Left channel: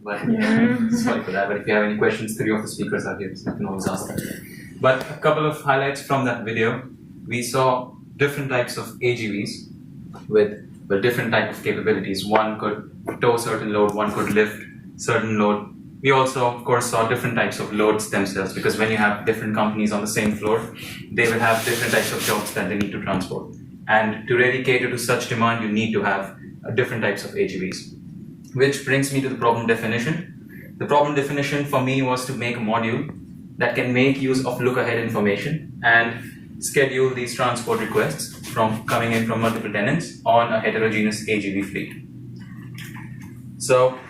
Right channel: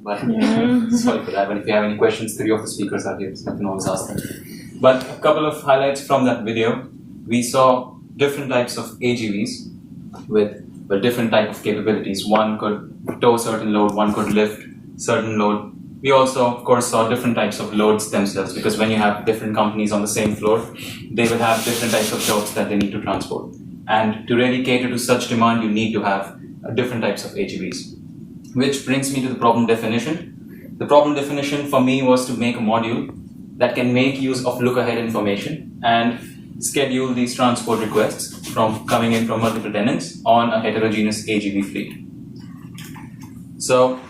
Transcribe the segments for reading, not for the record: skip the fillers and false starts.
But sorry for that. But if you have any questions, three of the speakers are here, so you can always ask them. But a couple of highlights from that video. We saw different types of AGVs with different type of capabilities. One could tow certain load, one could lift certain load. We also, of course, saw different types of loads themselves, because when you have different companies on the same floor, they will have different types of jobs that they need to transport. And to really cater to such demand, you need to have different types of AGVs. Which brings me to the problem definition. The problem definition for me was to make a module that can make use of look-ahead information and schedule these transport requests from coming in from multiple tenants on a heterogeneous AGV fleet. So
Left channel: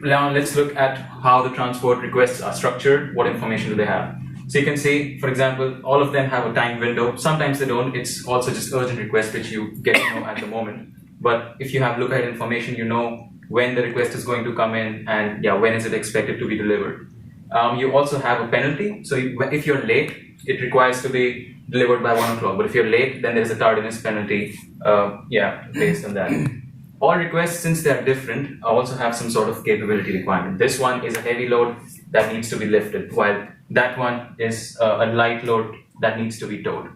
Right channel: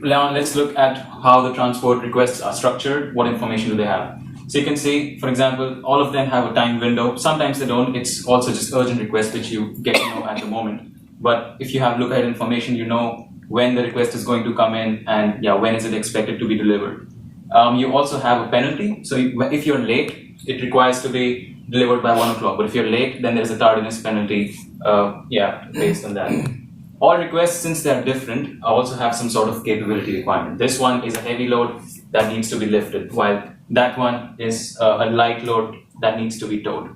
now let's look at how the transport requests are structured. What information do they have? So you can see, for example, all of them have a time window. Sometimes they don't. It's also just urgent requests, which you get to know at the moment. But if you have look-ahead information, you know when the request is going to come in and when is it expected to be delivered. You also have a penalty. So if you're late, it requires to be delivered by 1 o'clock. But if you're late, then there's a tardiness penalty based on that. All requests, since they're different, also have some sort of capability requirement. This one is a heavy load that needs to be lifted, while that one is a light load that needs to be towed.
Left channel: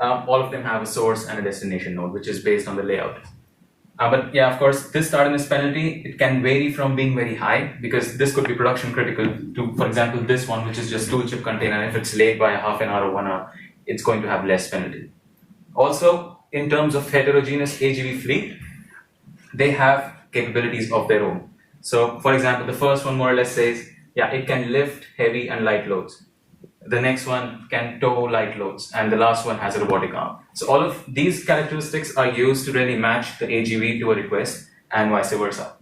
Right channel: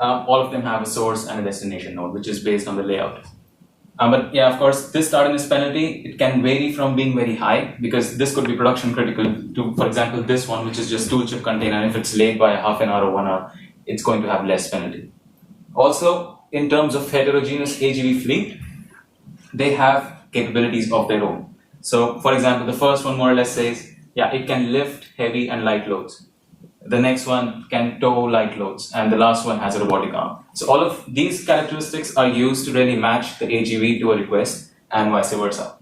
All of them have a source and a destination node, which is based on the layout. But of course, this tardiness penalty, it can vary from being very high, because this could be production critical to, for example, this one, which is just tool chip container. If it's late by a half an hour or 1 hour, it's going to have less penalty. Also, in terms of heterogeneous AGV fleet, they have capabilities of their own. So, for example, the first one more or less says, it can lift heavy and light loads. The next one can tow light loads, and the last one has a robotic arm. So all of these characteristics are used to really match the AGV to a request and vice versa.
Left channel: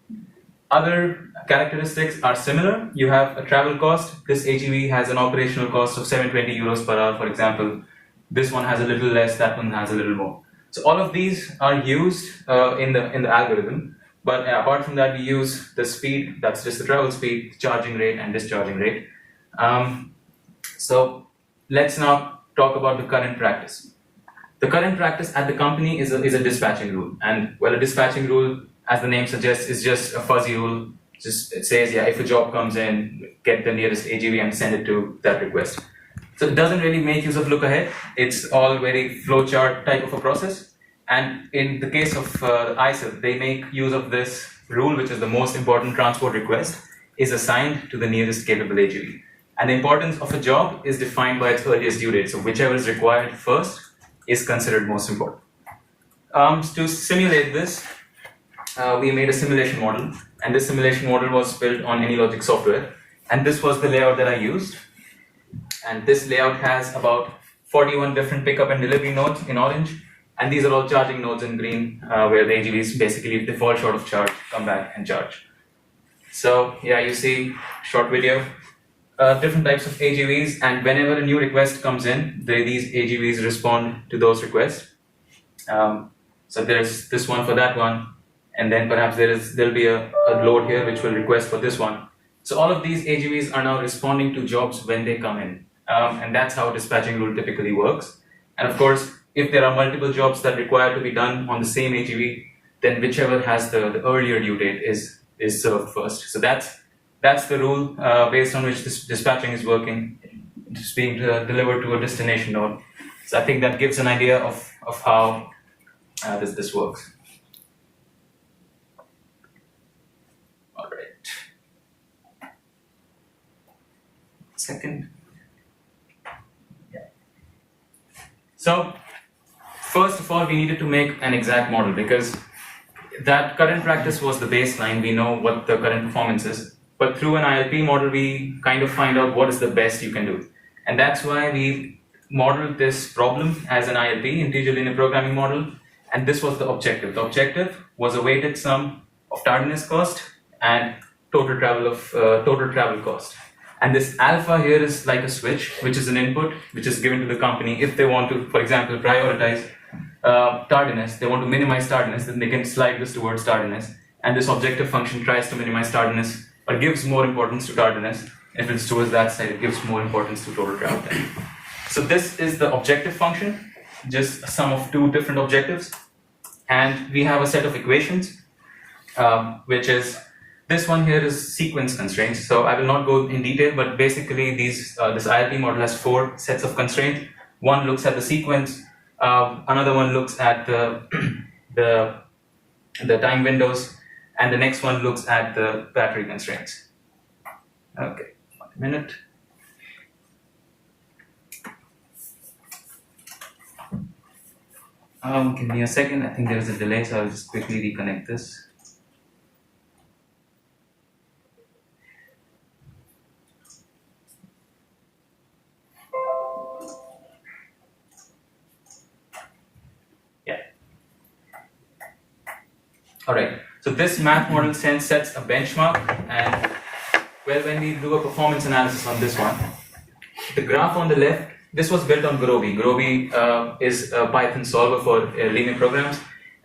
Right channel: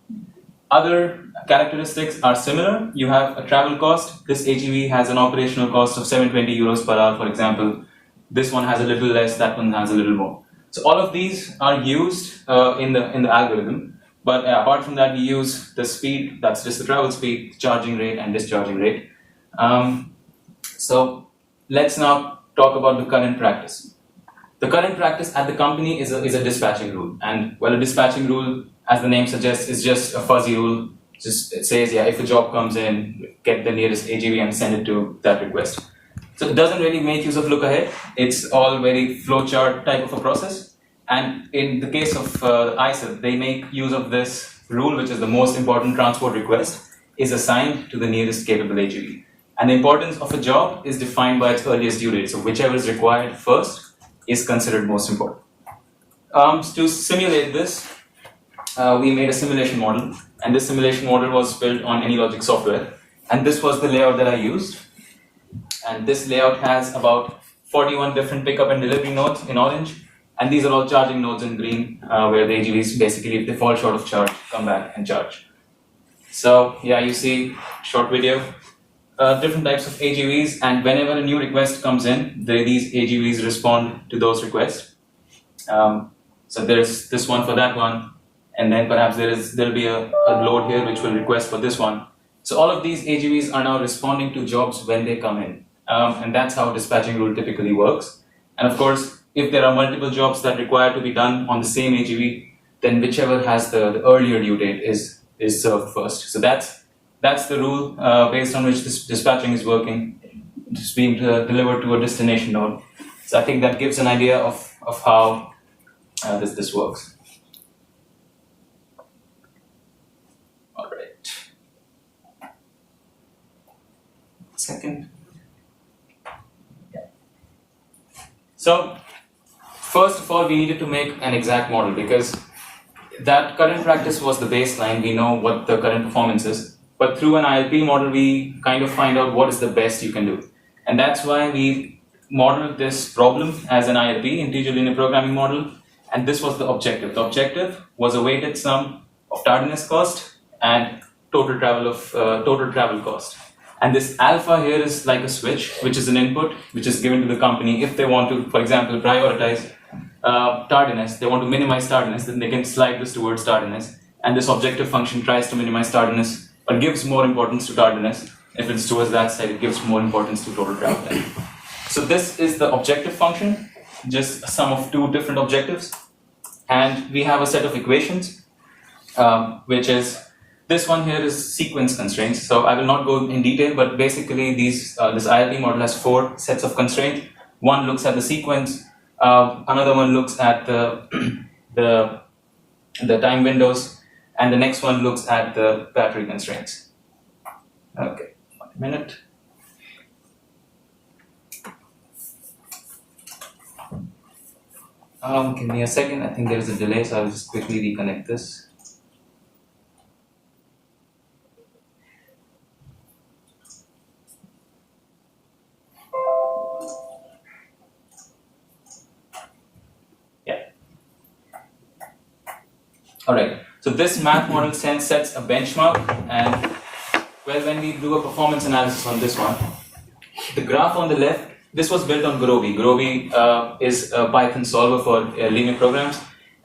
Other characteristics are similar. You have a travel cost. This AGV has an operational cost of 720 euros per hour, for example. This one has a little less, that one has a little more. So all of these are used in the algorithm. But apart from that, we use the speed, that's just the travel speed, charging rate, and discharging rate. So let's now talk about the current practice. The current practice at the company is a dispatching rule. And a dispatching rule, as the name suggests, is just a fuzzy rule. Just it says, if a job comes in, get the nearest AGV and send it to that request. So it doesn't really make use of look ahead. It's all very flowchart type of a process. And in the case of ISIL, they make use of this rule, which is the most important transport request, is assigned to the nearest capable AGV. And the importance of a job is defined by its earliest due date. So whichever is required first is considered most important. To simulate this, we made a simulation model. And this simulation model was built on AnyLogic software. And this was the layout that I used. And this layout has about 41 different pickup and delivery nodes in orange. And these are all charging nodes in green, where the AGVs, basically, if they fall short of charge, come back and charge. So, you see short video. Different types of AGVs, and whenever a new request comes in, these AGVs respond to those requests. So there's this one for that one, and then perhaps there'll be a load here which will request for this one. So all of these AGVs are now responding to jobs when they come in, and that's how dispatching rule typically works. And of course, if there are multiple jobs that require to be done on the same AGV, then whichever has the earlier due date is served first. So that's the rule based on which this dispatching is working. It's being delivered to a destination node. So I think that gives an idea of how this works. All right. Second. So first of all, we needed to make an exact model, because that current practice was the baseline. We know what the current performance is. But through an ILP model, we kind of find out what is the best you can do. And that's why we modeled this problem as an ILP, integer linear programming model. And this was the objective. The objective was a weighted sum of tardiness cost and total travel cost. And this alpha here is like a switch, which is an input, which is given to the company. If they want to, for example, prioritize tardiness, they want to minimize tardiness, then they can slide this towards tardiness. And this objective function tries to minimize tardiness, but gives more importance to tardiness. If it's towards that side, it gives more importance to total travel time. So this is the objective function, just a sum of two different objectives. And we have a set of equations, which is This one here is sequence constraints. So I will not go in detail, but basically this ILP model has 4 sets of constraints. One looks at the sequence, another one looks at the time windows, and the next one looks at the battery constraints. Okay, 1 minute. Give me a second. I think there is a delay, so I'll just quickly reconnect this. Yeah. All right. So this math model sets a benchmark, and well, when we do a performance analysis on this one, the graph on the left. This was built on Groby. Groby is a Python solver for linear programs,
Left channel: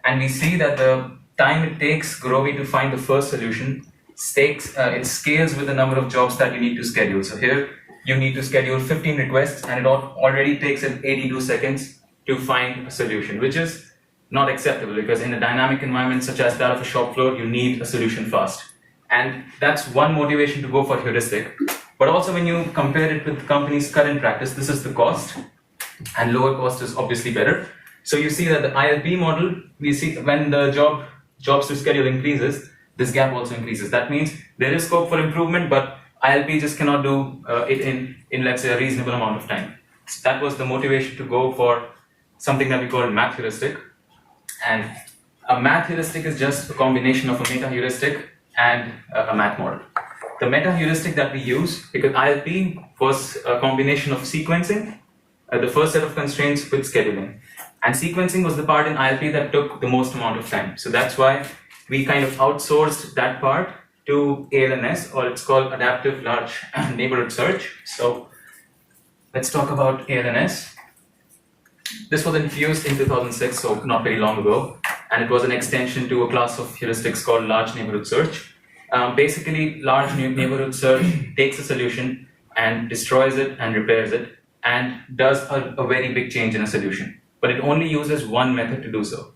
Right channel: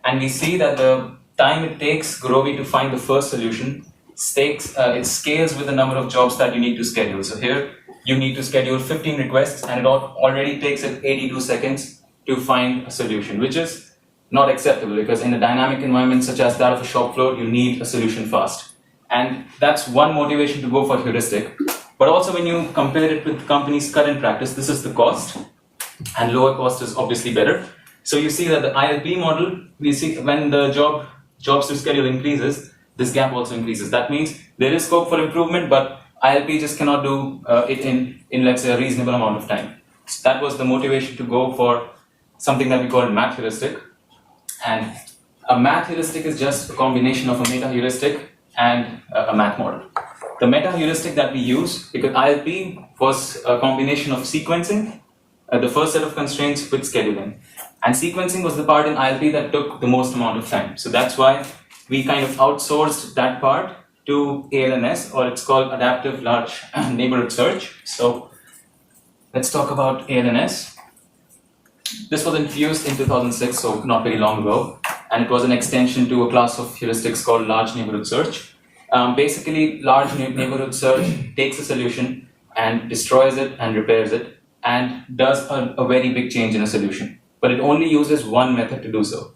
and we see that the time it takes Groby to find the first solution it scales with the number of jobs that you need to schedule. So here you need to schedule 15 requests, and it already takes it 82 seconds to find a solution, which is not acceptable because in a dynamic environment such as that of a shop floor, you need a solution fast. And that's one motivation to go for heuristic. But also when you compare it with the company's current practice, this is the cost, and lower cost is obviously better. So you see that the ILP model, we see when the jobs to schedule increases, this gap also increases. That means there is scope for improvement, but ILP just cannot do it in let's say a reasonable amount of time. So that was the motivation to go for something that we call math heuristic. And a math heuristic is just a combination of a meta heuristic and a math model. The meta heuristic that we use, because ILP was a combination of sequencing, the first set of constraints with scheduling. And sequencing was the part in ILP that took the most amount of time. So that's why we kind of outsourced that part to ALNS, or it's called Adaptive Large Neighborhood Search. So let's talk about ALNS. This was introduced in 2006, so not very long ago. And it was an extension to a class of heuristics called Large Neighborhood Search. Basically, large neighborhood search takes a solution and destroys it and repairs it and does a very big change in a solution. But it only uses one method to do so.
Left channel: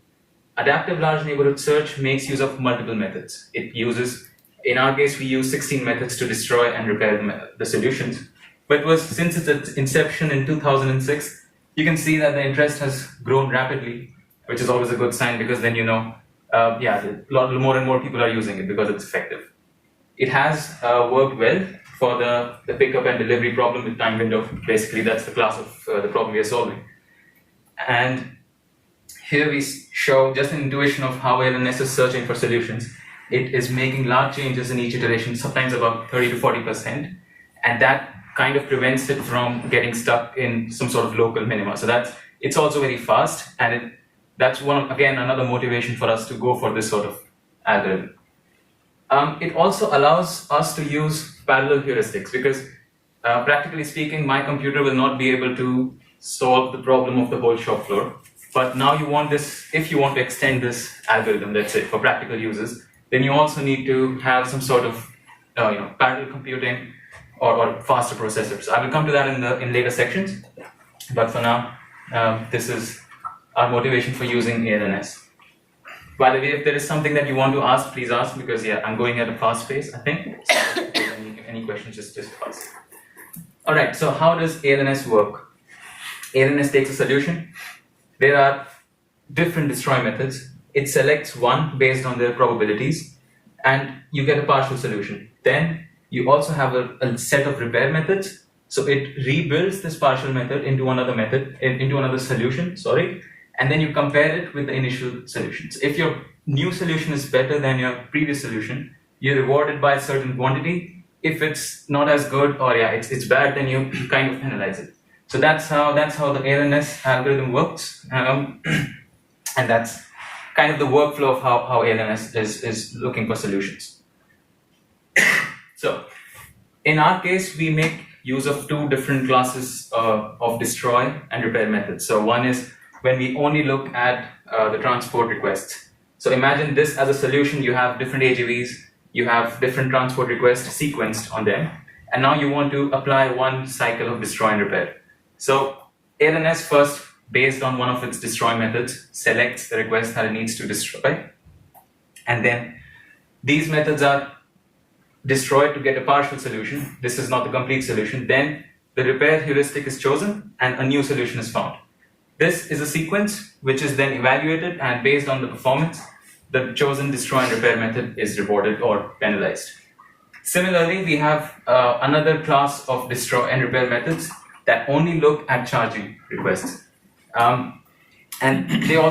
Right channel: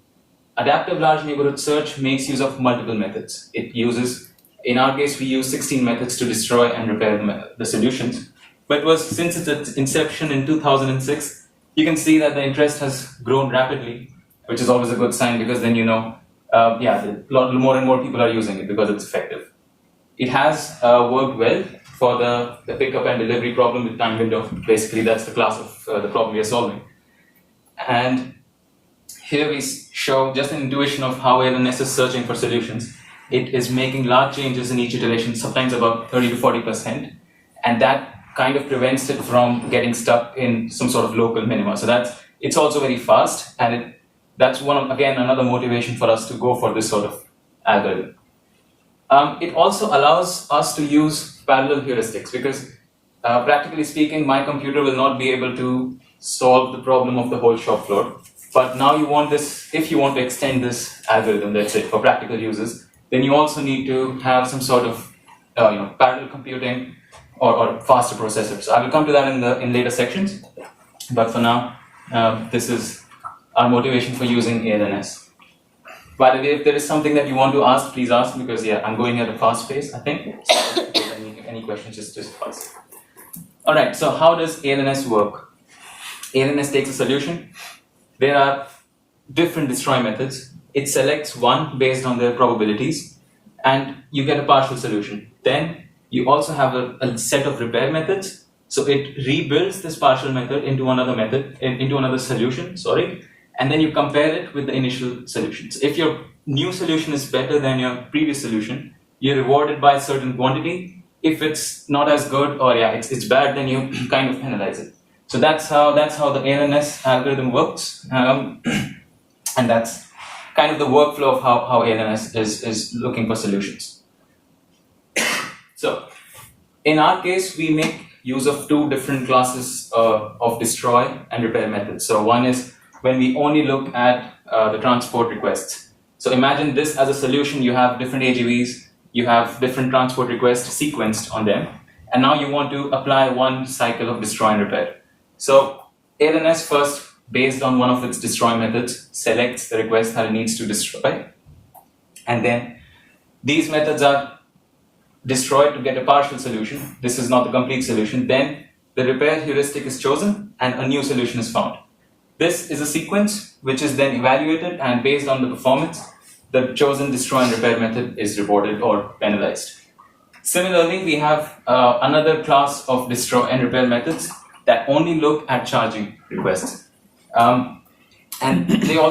Adaptive large neighborhood search makes use of multiple methods. It uses, in our case, we use 16 methods to destroy and repair the solutions. But since its inception in 2006, you can see that the interest has grown rapidly, which is always a good sign because then you know more and more people are using it because it's effective. It has worked well for the pickup and delivery problem with time window. Basically, that's the class of the problem we are solving. And here we show just an intuition of how ALNS is searching for solutions. It is making large changes in each iteration, sometimes about 30 to 40%, and that kind of prevents it from getting stuck in some sort of local minima. So it's also very fast, and that's another motivation for us to go for this sort of algorithm. It also allows us to use parallel heuristics because practically speaking, my computer will not be able to solve the problem of the whole shop floor. But now you want this, if you want to extend this algorithm, that's it, for practical uses, then you also need to have some sort of parallel computing or faster processors. So I will come to that in later sections. But for now, this is our motivation for using ALNS. By the way, if there is something that you want to ask, please ask, because I'm going at a fast pace, I think. So if there's any questions, just ask. All right, so how does ALNS work? ALNS takes a solution. There are different destroy methods. It selects one based on their probabilities, and you get a partial solution. Then you also have a set of repair methods. So it rebuilds this partial method into another solution, and then you compare it with the initial solutions. If your new solution is better than your previous solution, you're rewarded by a certain quantity. If it's not as good or it's bad, then you kind of penalize it. So that's how the ALNS algorithm works, and that's kind of the workflow of how ALNS is looking for solutions. So in our case, we make use of two different classes of destroy and repair methods. So one is when we only look at the transport requests. So imagine this as a solution. You have different AGVs, you have different transport requests sequenced on them, and now you want to apply one cycle of destroy and repair. So ALNS first, based on one of its destroy methods, selects the request that it needs to destroy, and then these methods are destroyed to get a partial solution, this is not the complete solution, then the repair heuristic is chosen and a new solution is found. This is a sequence which is then evaluated, and based on the performance, the chosen destroy and repair method is rewarded or penalized. Similarly, we have another class of destroy and repair methods that only look at charging requests. And they also